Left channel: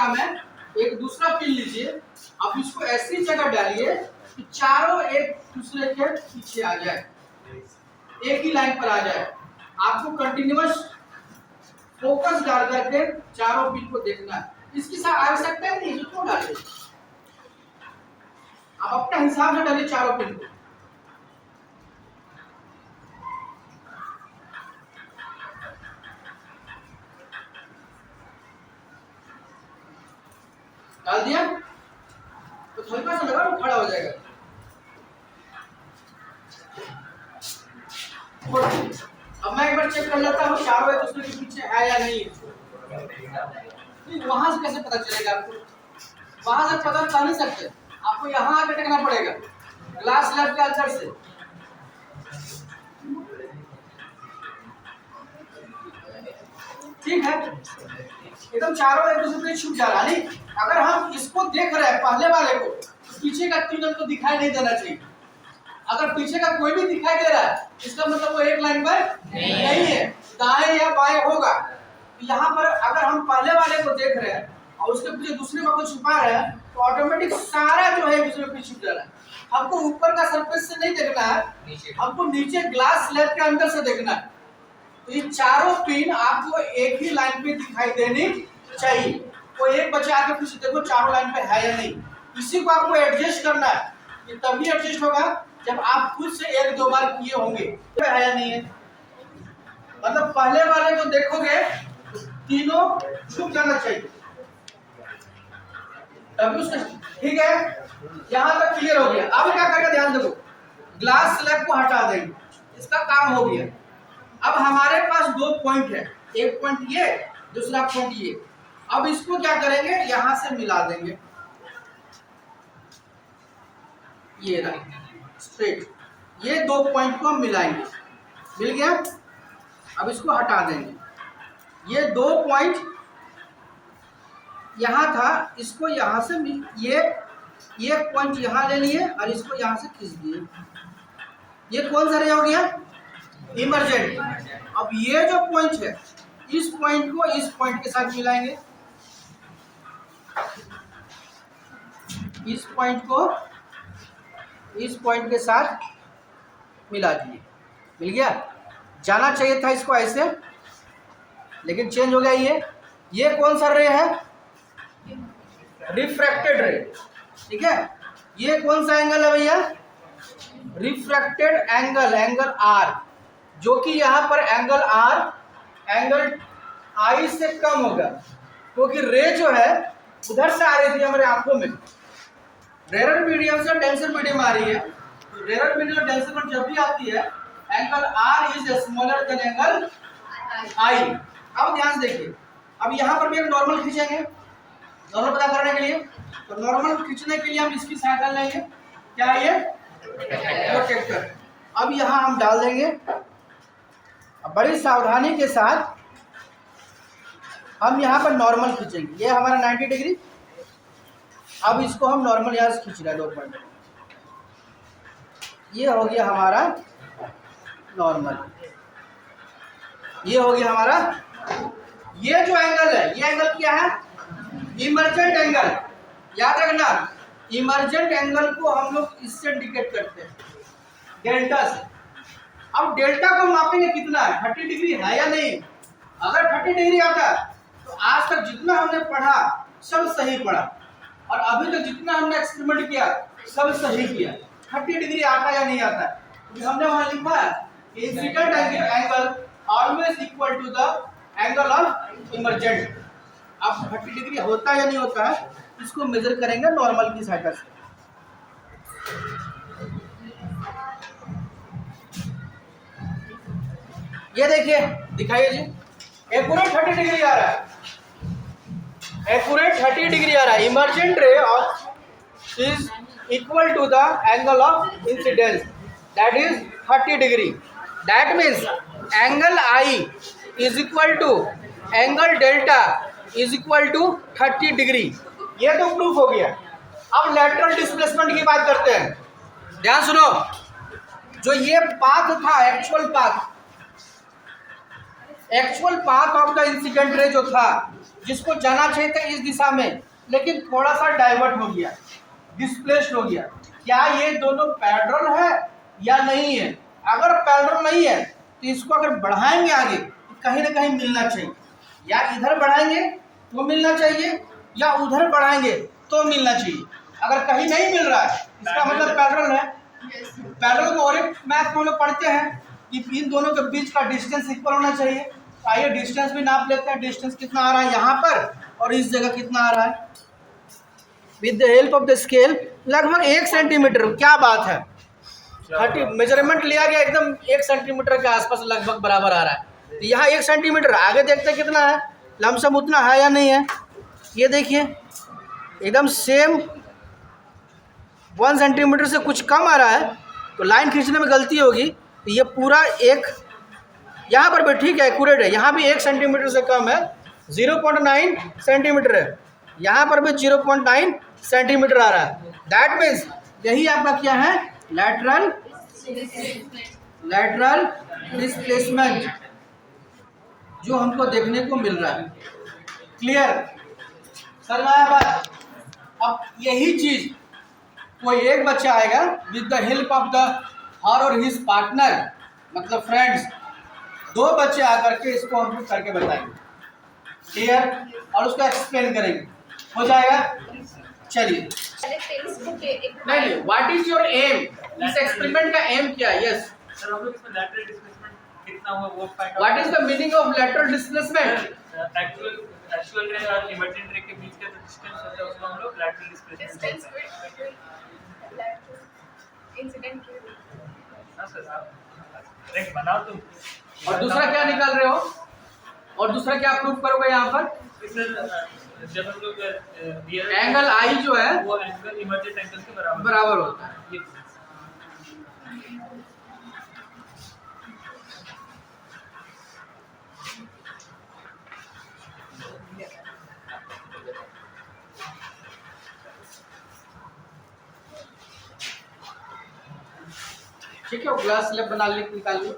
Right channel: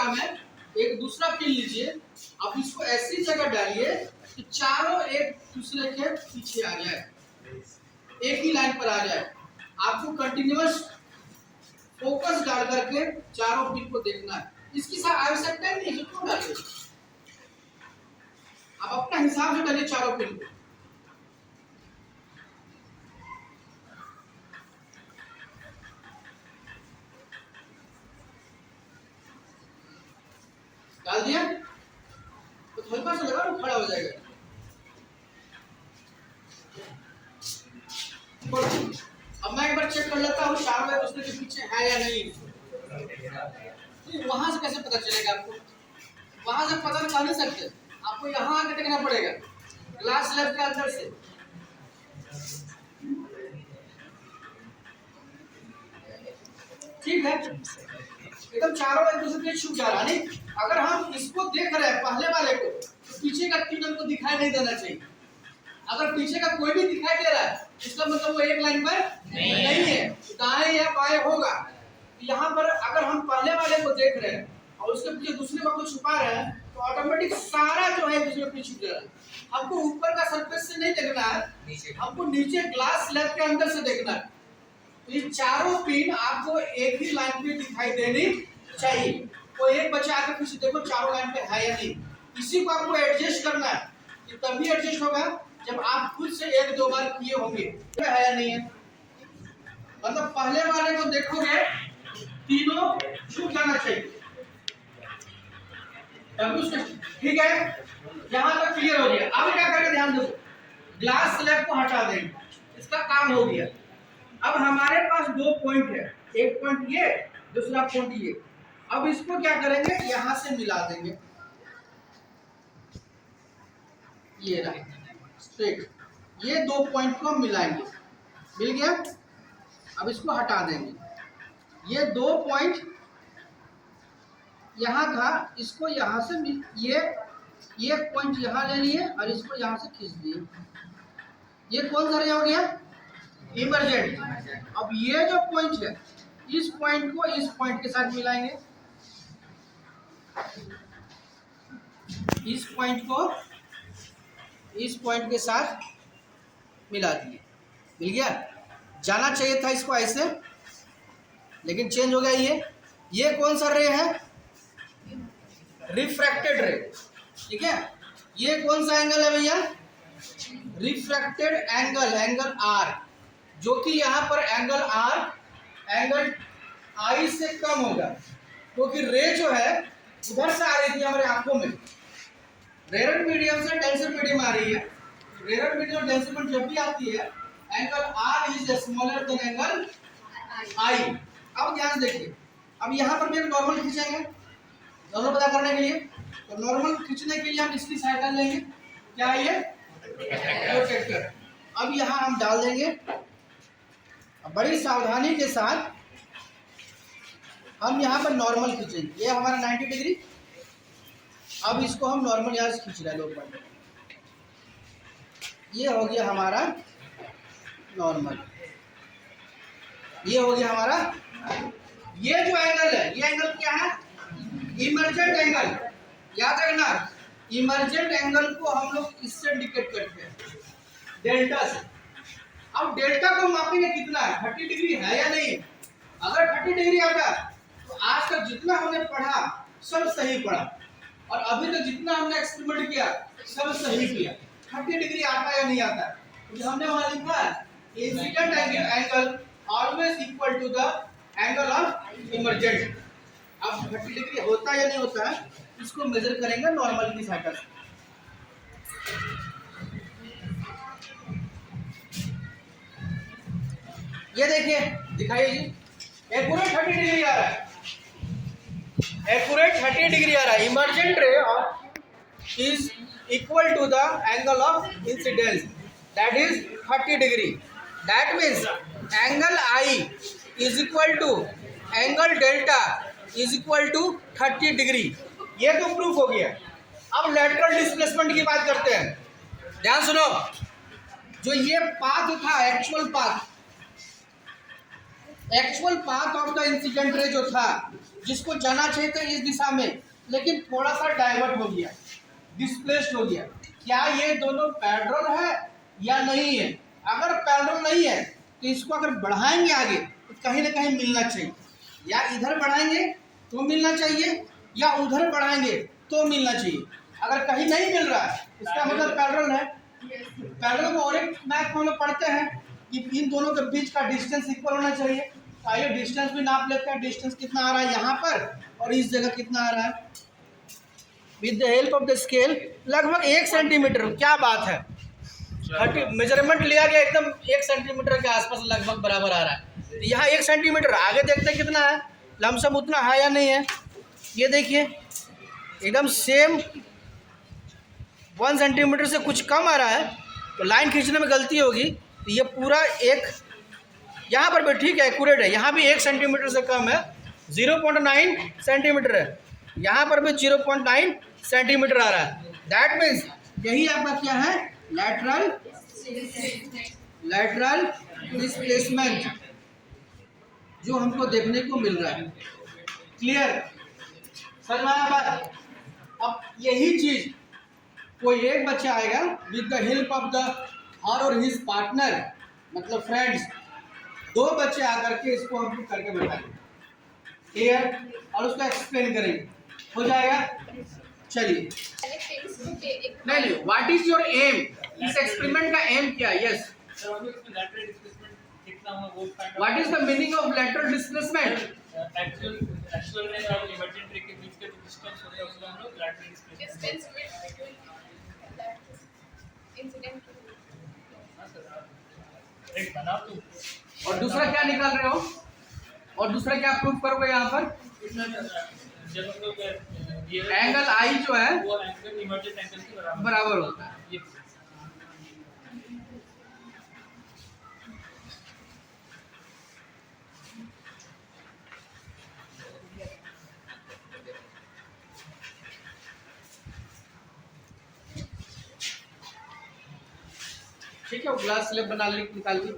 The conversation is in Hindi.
काम है, एक दूसरा पिन लीजिए, आप इसको ऐसी जगह डालिए कि चारों एक दूसरे के पीछे आ जाए, एक ही लाइन पर आ जाए। आपको कंटिन्यूअस फोकस डाल करके चारों पिन को देखना है। इसकी आवश्यकता नहीं है क्यों डालिए, आप अपने हिसाब से डालिए चारों पिन को। डाल दिया तो हल्का सा लगा तो खड़ा हो जाएगा। अब मैं एक बार चेक कर लेता हूँ चारों एक दूसरे के पीछे है या नहीं। वहां से कैसे पता चलेगा आपको? वहां से पता कर नहीं सकते, आपको यहाँ आकर टेकना पड़ेगा ग्लास स्लैब के अंदर से। ठीक है, एकदम चारों एक दूसरे पे छुप जा रहा नहीं। अगर हम इसको देख रहे हैं पहले वाले को, तो पीछे का तीन को दिखाई नहीं देना चाहिए। अगर पीछे का कोई भी दिखाई दे रहा है इसका मतलब वो एक लाइन पर नहीं है, दाएं या बाएं होगा। यहाँ पर अगर हम पहले वाले को देख रहे हैं और उसके पीछे दूसरे को छुपा रहे हैं तो ऑटोमेटिक सारा जो है दूसरे पे छुप जा रहा है। हमको ऊपर का सरफेस से नहीं देखना है, हमको नीचे ग्लास स्लैब के अंदर से देखना है। तो ये चारों पिन आपको एक ही लाइन पे दिखाई देनी चाहिए। कोई एक बच्चा आके कुछ देखो चारों लाइन पे है या नहीं, इसी को आपको एडजस्ट करना है। ये तभी एडजस्ट होगा जब आप खुद से एक दो बार किए होंगे तो है या नहीं है। मतलब पहले वाले को देखोगे तीनों छुप जाना चाहिए तभी उसका। ठीक है, यहाँ तक क्लियर हो गया। अब क्या करेंगे ध्यान देखो, ग्लास स्लैब को हटा देंगे, इसका काम हो गया। अब हमारे पास दो पॉइंट है, एक पॉइंट ये, दूसरा पॉइंट ये। अब इसको क्या करेंगे, यहां से मिला देंगे, ये रहा स्ट्रेट। ये दो पॉइंट को हम मिलाएंगे, मिल गया। अब इसको हटा देंगे, ये दो पॉइंट यहां था, इसको यहां से ये पॉइंट यहां ले लिए और इसको यहां से खींच दिए। ये कौन सा रे हो गया, इमर्जेंट। अब ये जो पॉइंट है इस पॉइंट को इस पॉइंट के साथ मिलाएंगे, इस पॉइंट को इस पॉइंट के साथ मिला दिए, मिल गया। जाना चाहिए था इसको ऐसे, लेकिन चेंज हो गया। ये कौन सा रे है, रिफ्रैक्टेड रे। ठीक है, ये कौन सा एंगल है भैया, रिफ्रैक्टेड एंगल, एंगल आर, जो कि यहाँ पर एंगल आर एंगल आई से कम होगा, क्योंकि रे जो है उधर से आ रही थी हमारे आंखों में, रेयर मीडियम से डेंसर मीडियम आ रही है। तो रेयर मीडियम डेंसर मीडियम जब भी आती है angle r is smaller than angle i. अब ध्यान से देखिए, अब यहाँ पर भी एक नॉर्मल खींचेंगे, नॉर्मल पता करने के लिए। तो नॉर्मल खींचने के लिए हम इसकी सहायता लेंगे, क्या है ये, प्रोटेक्टर। अब यहाँ हम डाल देंगे, अब बड़ी सावधानी के साथ हम यहाँ पर नॉर्मल खींचेंगे। ये हमारा 90 डिग्री। अब इसको हम नॉर्मल यहाँ से खींच रहे हैं 2 पॉइंट, ये हो गया हमारा नॉर्मल, ये हो गया हमारा। ये जो एंगल है ये एंगल क्या है, इमर्जेंट एंगल। याद रखना, इमर्जेंट एंगल को हम लोग इससे इंडिकेट करते हैं, डेल्टा से। अब डेल्टा को मापेंगे कितना है, 30 डिग्री है या नहीं। अगर 30 डिग्री आता तो आज तक जितना हमने पढ़ा सब सही पढ़ा, और अभी तक जितना हमने एक्सपेरिमेंट किया सब सही किया। 30 डिग्री आता या नहीं आता, क्योंकि हमने वहां लिखा है incident angle always equal to the angle of emergent. अब 30 डिग्री होता या नहीं होता है इसको मेजर करेंगे नॉर्मल की सहायता से। ये देखिए, दिखाइए जी, एक्यूरेट 30 डिग्री आ रहा है, एक्यूरेट 30 डिग्री आ रहा है। Emergent ray of is equal to the angle of incidence, that is 30 degree. That means angle I is equal to angle delta is equal to 30 degree. ये तो प्रूफ हो गया। अब लैटरल डिस्प्लेसमेंट की बात करते हैं, ध्यान सुनो। जो ये पाथ था, actual path of the incident ray जो था, जिसको जाना चाहिए था इस दिशा में, लेकिन थोड़ा सा डाइवर्ट हो गया, डिस्प्लेस्ड हो गया। क्या ये दोनों पैरेलल है या नहीं है? अगर पैरेलल नहीं है तो इसको अगर बढ़ाएंगे आगे तो कहीं ना कहीं मिलना चाहिए, या इधर बढ़ाएंगे तो मिलना चाहिए या उधर बढ़ाएंगे तो मिलना चाहिए। अगर कहीं नहीं मिल रहा है इसका मतलब पैरेलल है। पैरेलल को और एक मैथ में हम लोग पढ़ते हैं कि इन दोनों के बीच का डिस्टेंस इक्वल होना चाहिए। तो आइए डिस्टेंस भी नाप लेते हैं। डिस्टेंस कितना आ रहा है यहाँ पर और इस जगह कितना आ रहा है। With the help of the scale लगभग 1 सेंटीमीटर। क्या बात है, 30 मेजरमेंट लिया गया, एकदम 1 सेंटीमीटर के आसपास लगभग बराबर आ रहा है। तो यहाँ 1 सेंटीमीटर, आगे देखते हैं कितना है, लमसम उतना है या नहीं है। ये देखिए एकदम सेम 1 सेंटीमीटर से कुछ कम आ रहा है, तो लाइन खींचने में गलती होगी। तो ये पूरा एक, यहाँ पर भी ठीक है, एक्यूरेट है, यहाँ भी 1 सेंटीमीटर से कम है, 0.9 सेंटीमीटर है, यहाँ पर भी 0.9 सेंटीमीटर आ रहा है। दैट मीन्स यही आपका क्या है, लैटरल डिस्प्लेसमेंट जो हमको देखने को मिल रहा है। क्लियर सर आया बात। अब यही चीज कोई एक बच्चा आएगा with the help of the her or his partner, मतलब फ्रेंड्स, 2 बच्चे आकर के इसको हमको करके बताएंगे। क्लियर, और उसको एक्सप्लेन करेंगे, हो जाएगा। चलिए नहीं, व्हाट इज योर एम, इस एक्सपेरिमेंट का एम क्या है? यस सर, हम लोग इसमें लैटरल डिस्प्लेसमेंट कितना हुआ वो find out. What is the meaning of lateral displacement? Actual रे और इमर्जेंट रे के बीच का जो डिस्टेंस होता है उसको हम लोग lateral displacement distance between incident के। हां सर, आप एक बनाओ तुम। और दूसरा क्या निकाल रहे हो, और दूसरा क्या प्रूव करोगे यहाँ पर? जब हम लोग एंगल आई जो है वो एंगल इमर्जेंट एंगल के बराबर होता है। ये ठीक है, वो ग्लास स्लैब बना ले, निकाल लो।